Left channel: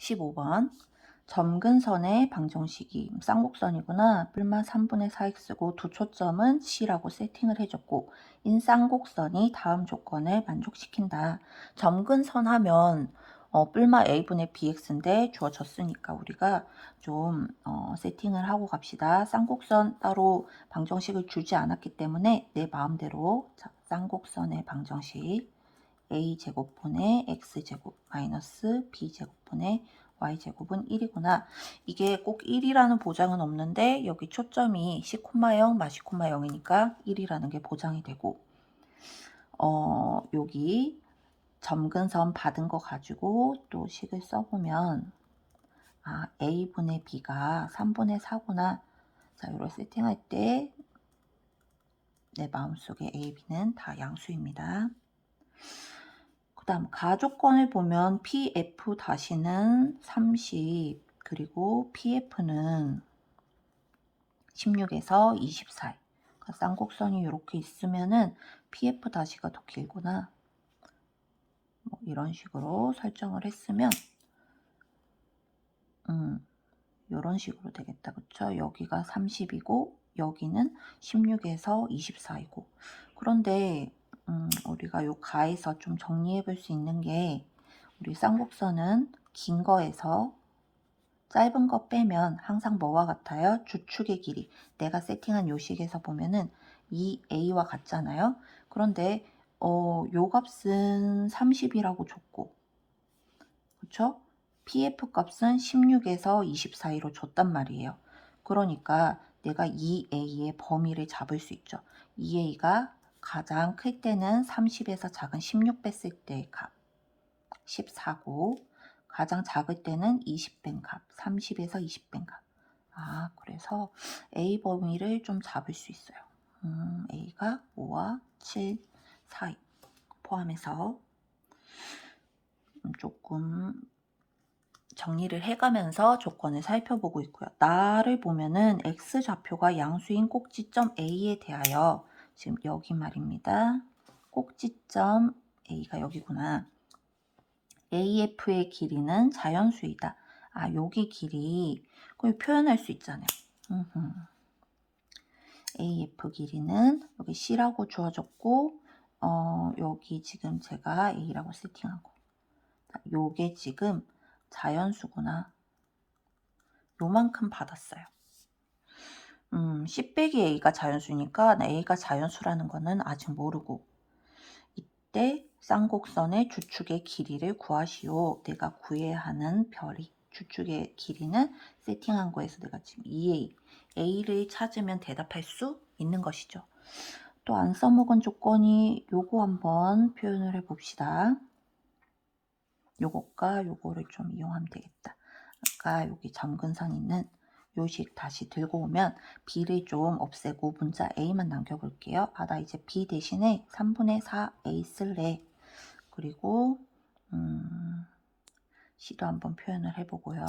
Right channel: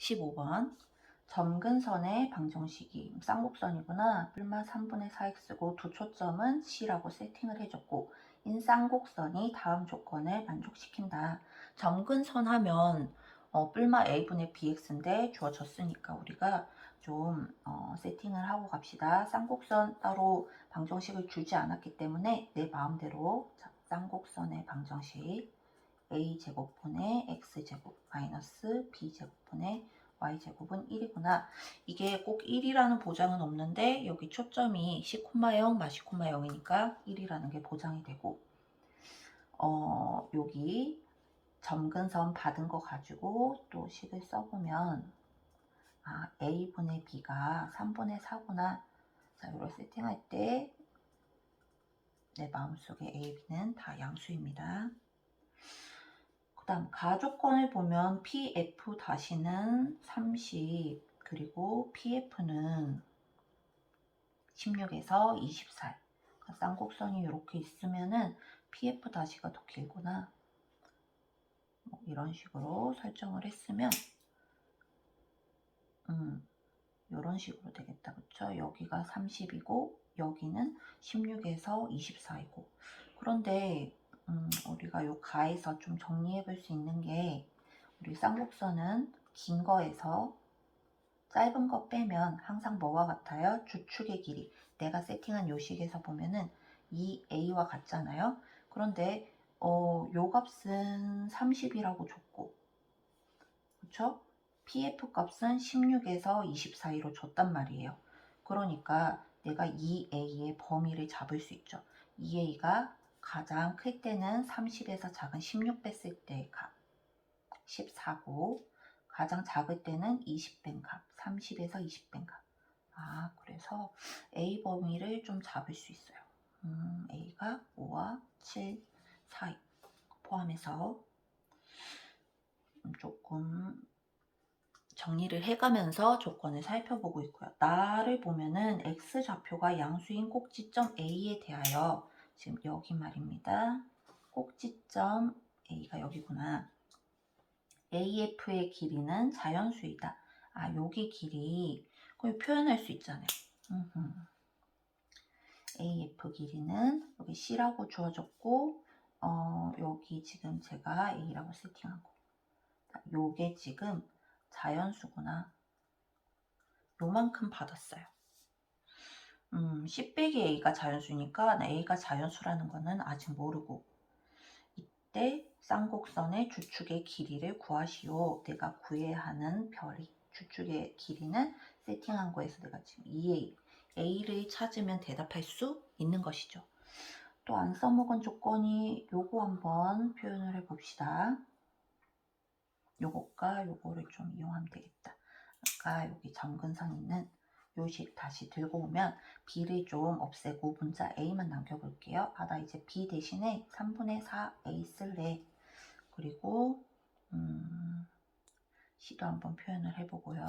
15번 점근선의 방정식이 쌍곡선이구나. 뿔마 3분의 4x고 두 초점은 C라고 세팅을 해줬고 인쌍곡선이 다음 조건을 만족시킨다. 점근선 하면 어, 뿔마 a분의 bx인데 주어졌으니까 우리가 좀 어, 세팅을 하고 갑시다. 쌍곡선 따로 방정식을 주지 않았기 때문에 내 마음대로 자, 쌍곡선의 방정식 a제곱분의 x제곱 마이너스 b제곱분의 y제곱은 1이구나. 이게 꼭 1이라는 보장은 없는데 여기 초점이 c,0 마시, 0이니까 1이라는 게 보장이 되고 어, 여기 점근선 받은 거 가지고 또 식을 써보면 아, a분의 b가 3분의 4구나. 자, 이걸 세팅할 때 내 마음속에 a, b는 다 양수입니다. 그 다음 가조건을 보면 PF 다시는 30 그리고 PF는 16에서 24 그러니까 쌍곡선이 이렇게 있으면은 PF 다시가 더 길구나. 뭐 이런 식으로 설정을 했으면 음 이런 식으로 되겠다. 그쵸? 여기가 30이고 여기는 16에서 24이고. 그런데 음, 우리가 요 가에서 좀 정리해 볼 수 있는 게 우리 쌍곡선은 긴 거에서 짧은 거 빼면 항상 뭐와 같아요? 주축의 길이. 내가 세팅한 요식에서 보면은 이 A와 같잖아요. 그런데 어, 요 값은 30이라고 줬고 그쵸? PF 값은 16에서 24로 줬단 말이에요. 그러니까 내가 이 A의 범위를 잡을 수 있죠. 이 A가 가장 클 때는 30에서 작은 16 뺐을 때의 값 14고 가장 작을 때는 20뺀값 30에서 20뺀 값. 아 그래서 A 범위를 좀 잡을 수 있어요. 음, A가 5와 7 사이 포함해서 음, 조금 정리를 해가면서 조건을 살펴보고 있고요. 나를 보면은 x 좌표가 양수인 꼭지점 A에 대하여 지금 여기 말입니다. 꼭지점 A가 여기구나. AF의 길이는 자연수이다. 아, 여기 길이 그걸 표현할 수 있잖아요. 음흠. AF 길이는 여기 C라고 주어졌고 어, 여기 지금 제가 A라고 세팅하고 요게 지금 자연수구나. 요만큼 받았어요. 음, C 빼기 A가 자연수니까 A가 자연수라는 거는 아직 모르고 이때 쌍곡선의 주축의 길이를 구하시오. 내가 구해야 하는 별이 주축의 길이는 세팅한 거에서 내가 지금 2A A를 찾으면 대답할 수 있는 것이죠. 또 안 써먹은 조건이 요거 한번 표현을 해봅시다. 요것과 요거를 좀 이용하면 되겠다. 아까 여기 점근선 있는 요식 다시 들고 오면 B를 좀 없애고 문자 A만 남겨볼게요. 아, 나 이제 B 대신에 3분의 4A 쓸래. 그리고 음, C도 한번 표현을 해보고요.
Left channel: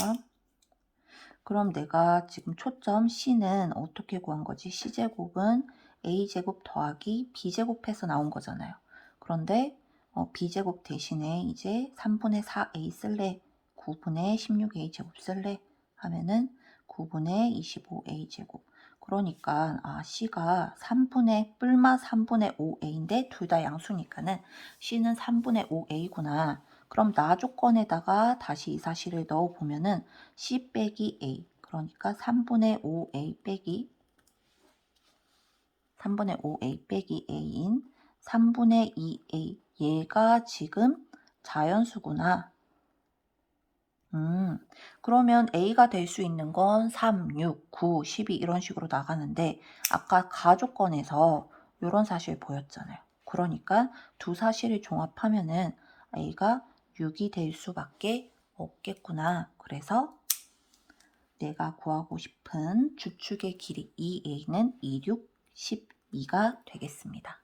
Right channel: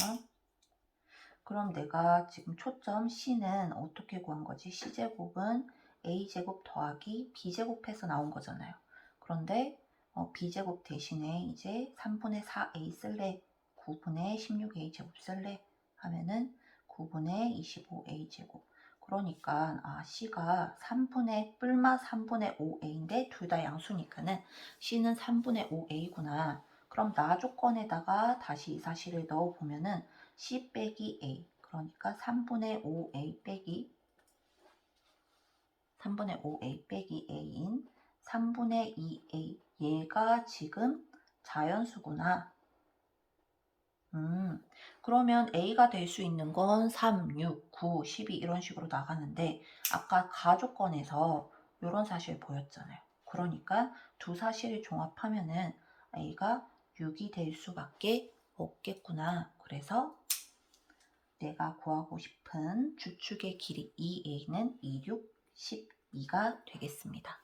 그럼 내가 지금 초점 C는 어떻게 구한 거지? C제곱은 A제곱 더하기 B제곱해서 나온 거잖아요. 그런데 어, B제곱 대신에 이제 3분의 4A 쓸래. 9분의 16A 제곱 쓸래. 하면은 9분의 25A 제곱. 그러니까 아 C가 3분의 뿔마 3분의 5A인데 둘 다 양수니까는 C는 3분의 5A구나. 그럼 나 조건에다가 다시 이 사실을 넣어 보면은 C 빼기 A 그러니까 3분의 5A 빼기 3분의 5A 빼기 A인 3분의 2A 얘가 지금 자연수구나. 음, 그러면 A가 될 수 있는 건 3, 6, 9, 12 이런 식으로 나가는데 아까 가조건에서 이런 사실 보였잖아요. 그러니까 두 사실을 종합하면은 A가 6이 될 수밖에 없겠구나. 그래서 내가 구하고 싶은 주축의 길이 2A는 2, 6, 12가 되겠습니다.